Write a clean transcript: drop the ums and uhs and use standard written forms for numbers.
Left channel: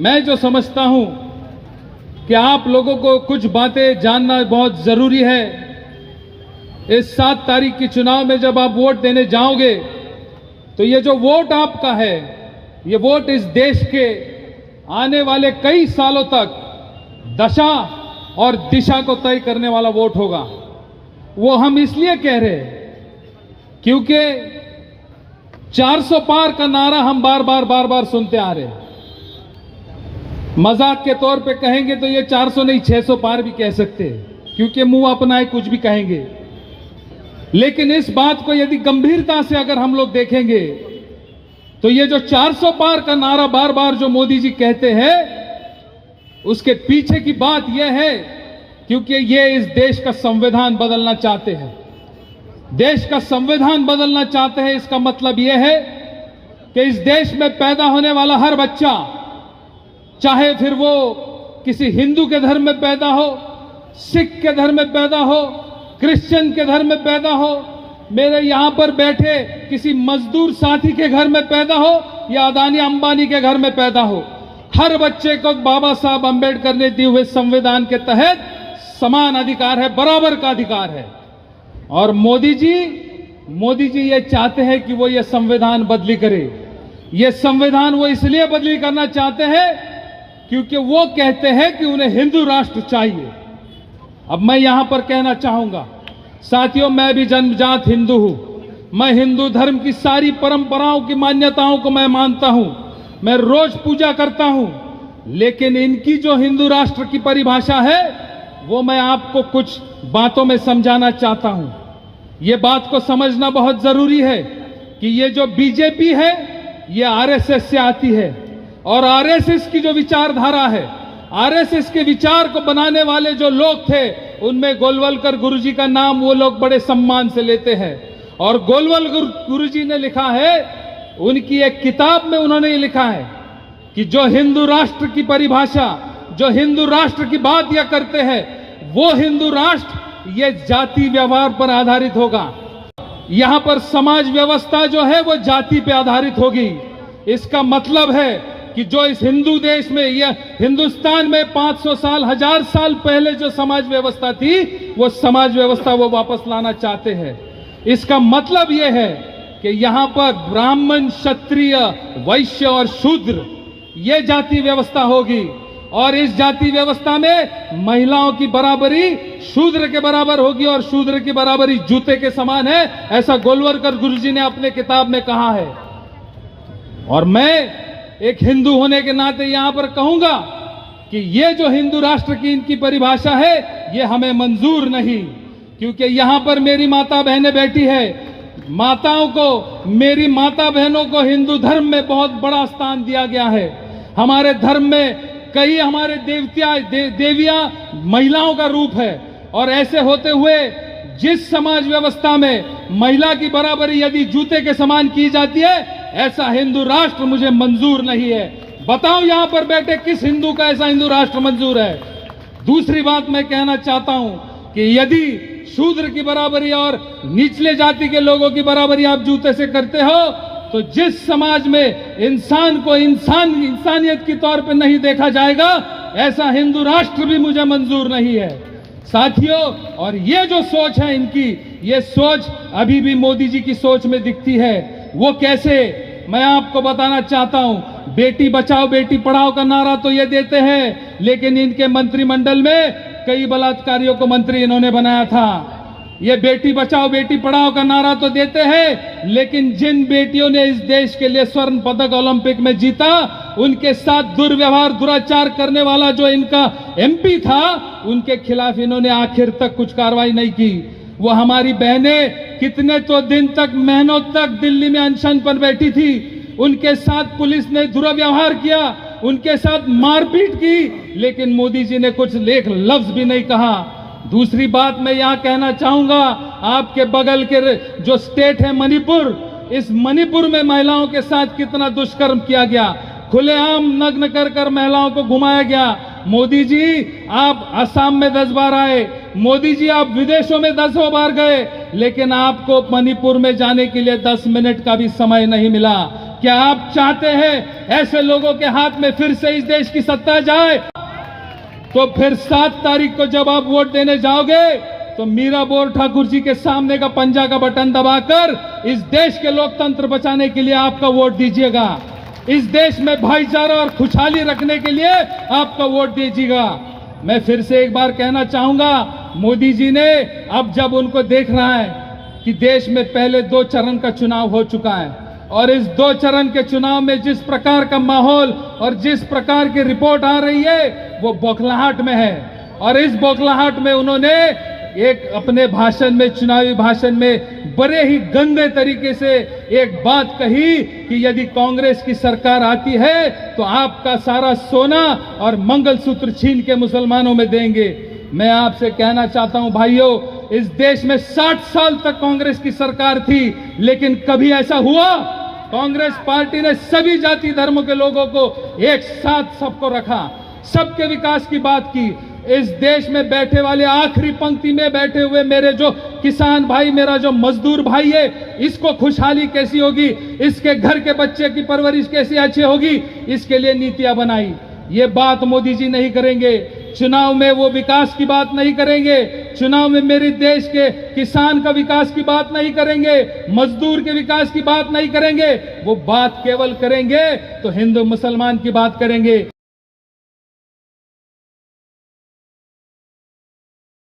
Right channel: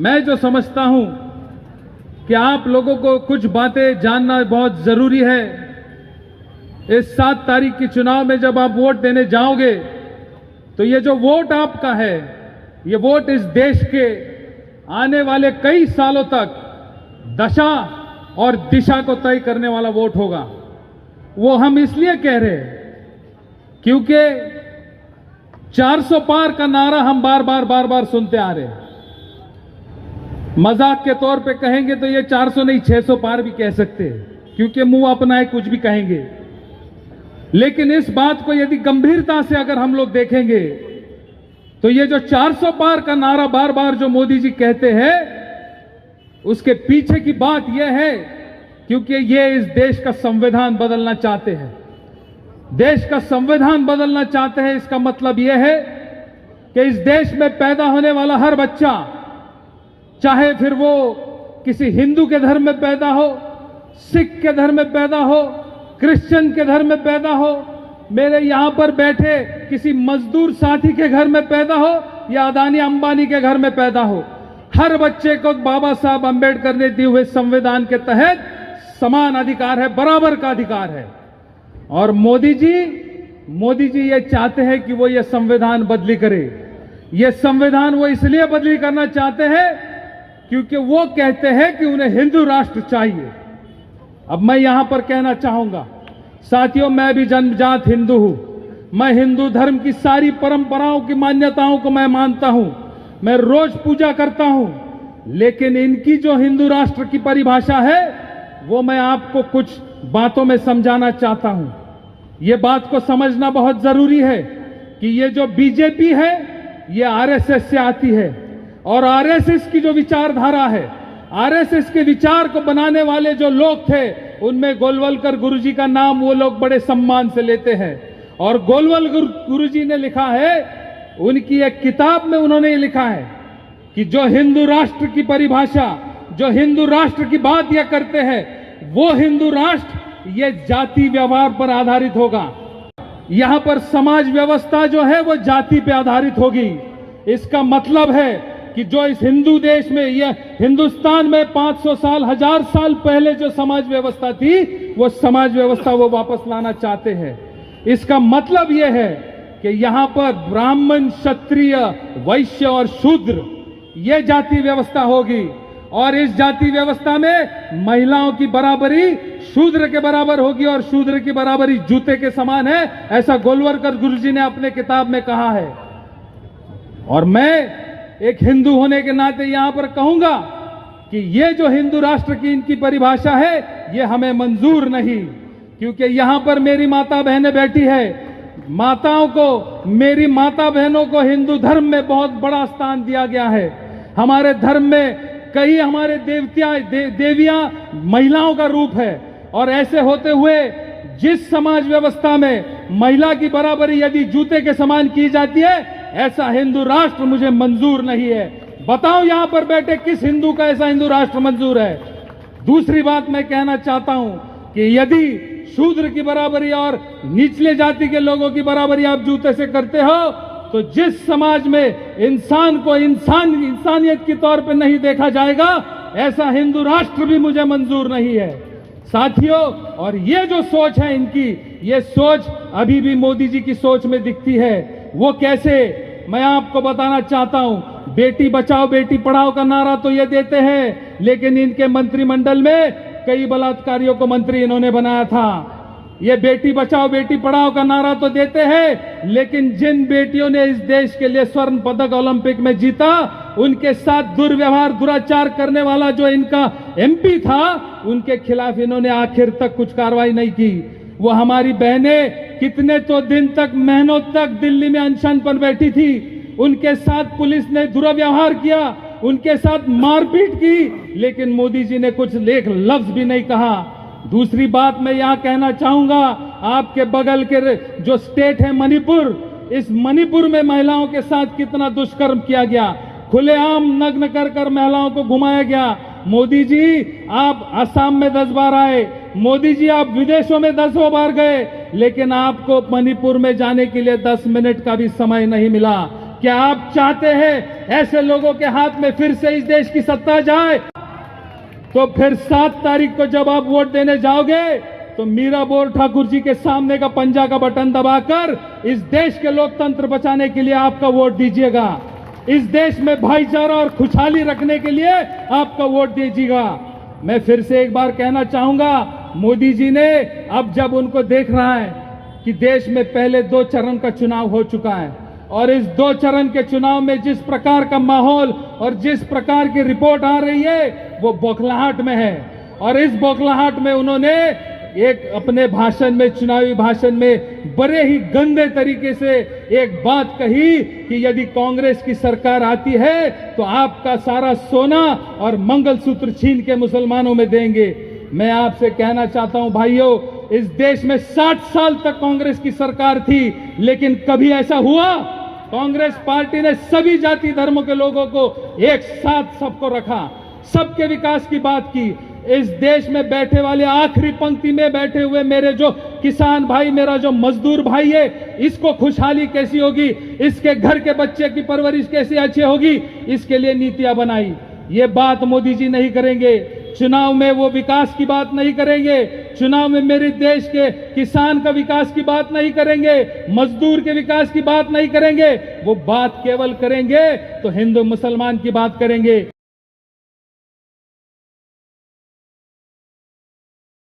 मैं जो समझता हूं कि आप लोगों को कुछ बातें जानना बहुत जरूरी है। इस 7 तारीख की चुनाव में जब आप वोट देने जाओगे तो ये जो वोट आपका है, ये वोट इस देश के आने वाले कई सालों तक दशा और दिशा को तय करने वाला वोट होगा। वो हम इसलिए कह रहे हैं क्योंकि 400 पार का नारा हम बार बार सुनते आ रहे हैं। मजाक के तौर पे कहेंगे तो ये 400 नहीं 600 पार भी कह सकते हैं, क्योंकि मुंह अपना है कुछ भी कहेंगे। लेकिन इस बात को यदि गंभीरता से अगर हम लोग देखेंगे तो ये जो 400 पार का नारा बार बार जो मोदी जी कहते हैं, उसके पीछे की बात यह है क्योंकि ये इस देश का संविधान बदलना चाहते हैं। देश का संविधान बदलना चाहते हैं। इसका मतलब यह है कि इस देश में पैदा होने वाला हर बच्चा, चाहे फिर वो किसी हिंदू के धर्म में पैदा हो, सिख के धर्म में पैदा हो, क्रिश्चियन के धर्म में पैदा हो, मेरे यहां पर बैठे किसी मजदूर साथी के घर में पैदा हो या अदानी अंबानी के घर में पैदा हो, हर बच्चे को बाबा साहब अंबेडकर ने दिए हुए संविधान के तहत समान अधिकार है, बराबर का अधिकार है। और मोदी जी ये चाहते हैं कि वो ये संविधान बदली करे। ये संविधान वो इसलिए बदली करना चाहते हैं क्योंकि वो कहते हैं कि उन्हें हिंदू राष्ट्र चाहिए। अब मैं यहां पर कहना चाहूंगा, साथियों, मैं भी जन्मजात हिंदू हूं। मैं हिंदू धर्म की सारी परंपराओं की मान्यताओं को मैं मानता हूं, मैं रोज पूजा करता हूं। लेकिन इनकी जो हिंदू राष्ट्र की परिभाषा है वो मैं आपको कुछ बातों में समझाना चाहता हूं। ये बात को समझना बहुत जरूरी है कि ये जो बीजेपी है ये आरएसएस से आती है, और आरएसएस की जो विचारधारा है, आरएसएस के विचार को बनाने वाले जो लोग थे, उनमें गोलवलकर गुरुजी का नाम वो लोग बड़े सम्मान से लेते हैं। और गोलवलकर गुरुजी ने लिखा है, उनकी एक किताब में उन्होंने लिखा है कि जो हिंदू राष्ट्र की परिभाषा, जो हिंदू राष्ट्र की बात यह करते हैं, वो हिंदू राष्ट्र ये जाति व्यवहार पर आधारित होगा। यहां पर समाज व्यवस्था जो है वो जाति पे आधारित होगी। इसका मतलब है कि जो इस हिंदू देश में, यह हिंदुस्तान में 500 साल 1000 साल पहले जो समाज व्यवस्था थी, वो समाज व्यवस्था वो वापस लाना चाहते हैं। इसका मतलब यह है कि यहां पर ब्राह्मण, क्षत्रिय, वैश्य और शूद्र ये जाति व्यवस्था होगी। और इस जाति व्यवस्था में महिलाओं की बराबरी शूद्र के बराबर होगी, और शूद्र की बराबरी जूते के समान है, ऐसा गोलवलकर गुरुजी ने अपने किताब में कहा है। और मैं एक हिंदू होने के नाते यहां पर कहूंगा कि ये जो हिंदू राष्ट्र की इनकी परिभाषा है ये हमें मंजूर नहीं, क्योंकि यहां पर मेरी माता बहनें बैठी है। माताओं को, मेरी माता बहनों को हिंदू धर्म में बहुत बड़ा स्थान दिया गया है। हमारे धर्म में कई हमारे देवियां महिलाओं का रूप है, और ऐसे होते हुए जिस समाज व्यवस्था में महिला की बराबरी यदि जूते के समान की जाती है, ऐसा हिंदू राष्ट्र मुझे मंजूर नहीं है। बताओ यहां पर बैठे किस हिंदू का ऐसा हिंदू राष्ट्र मंजूर है? दूसरी बात मैं कहना चाहता हूं कि यदि शूद्र की बराबरी और निचले जाति के लोगों की बराबरी आप जूते से करते हो, तो जिस समाज में इंसान को इंसानियत के तौर पर नहीं देखा जाएगा, ऐसा हिंदू राष्ट्र भी मुझे मंजूर नहीं है साथियों। और ये जो सोच है इनकी, ये सोच अभी भी मोदी जी की सोच में दिखती है। वो कैसे, मैं आपको बताना चाहता हूं। बेटी बचाओ बेटी पढ़ाओ का नारा तो ये देते हैं, लेकिन इनके मंत्रिमंडल में कई बलात्कारियों को मंत्री इन्होंने बनाया था। ये बेटी बचाओ बेटी पढ़ाओ का नारा तो देते हैं, लेकिन जिन बेटियों ने इस देश के लिए स्वर्ण पदक ओलंपिक में जीता, उनके साथ दुर्व्यवहार दुराचार करने वाला जो इनका एमपी था, उनके खिलाफ इन्होंने आखिर तक कुछ कार्रवाई नहीं की। वो हमारी बहनें कितने तो दिन तक, महीनों तक दिल्ली में अनशन पर बैठी थी, उनके साथ पुलिस ने दुर्व्यवहार किया, उनके साथ मारपीट की, लेकिन मोदी जी ने कुछ एक लफ्ज भी नहीं कहा। दूसरी बात मैं यहां कहना चाहूंगा, आपके बगल के जो स्टेट है मणिपुर, इस मणिपुर में महिलाओं के साथ कितना दुष्कर्म किया गया, खुलेआम नग्न कर महिलाओं को घुमाया गया। मोदी जी आप असम में 10 बार आए, मोदी जी आप विदेशों में 10 बार गए, लेकिन आपको मणिपुर में जाने के लिए 10 मिनट का भी समय नहीं मिला। क्या आप चाहते हैं ऐसे लोगों के हाथ में फिर से इस देश की सत्ता जाए? तो फिर 7 तारीख को जब आप वोट देने जाओगे तो मीरा बोर ठाकुर जी के सामने का पंजा का बटन दबाकर इस देश के लोकतंत्र बचाने के लिए आपका वोट दीजिएगा। इस देश में भाईचारा और खुशहाली रखने के लिए आपका वोट दीजिएगा। मैं फिर से एक बार कहना चाहूंगा, मोदी जी ने अब जब उनको देख रहा है कि देश में पहले 2 चरण का चुनाव हो चुका है और इस 2 चरण के चुनाव में जिस प्रकार का माहौल और जिस प्रकार की रिपोर्ट आ रही है वो बौखलाहट में है, और इस बौखलाहट में उन्होंने एक अपने भाषण में, चुनावी भाषण में बड़े ही गंदे तरीके से एक बात कही कि यदि कांग्रेस की सरकार आती है तो आपका सारा सोना और मंगलसूत्र छीन के मुसलमानों में देंगे। मैं आपसे कहना चाहता हूं भाइयों, इस देश में 60 साल तक कांग्रेस की सरकार थी, लेकिन कभी ऐसा हुआ? कांग्रेस पार्टी ने सभी जाति धर्मों के लोगों को एक साथ सबको रखा, सबके विकास की बात की। इस देश में बैठे वाले आखिरी पंक्ति में बैठे हुए मेरे जो किसान भाई, मेरा जो मजदूर भाई है, इसको खुशहाली कैसी होगी, इसके घर के बच्चे की परवरिश कैसी अच्छी होगी, इसके लिए नीतियां बनाई। ये बात मोदी जी नहीं करेंगे। चुनाव में वो विकास की बात नहीं करेंगे, चुनाव में मेरे देश के किसान का विकास की बात नहीं करेंगे, मजदूर के विकास की बात नहीं करेंगे। वो बात केवल करेंगे तो हिंदू मुसलमान की बात करेंगे।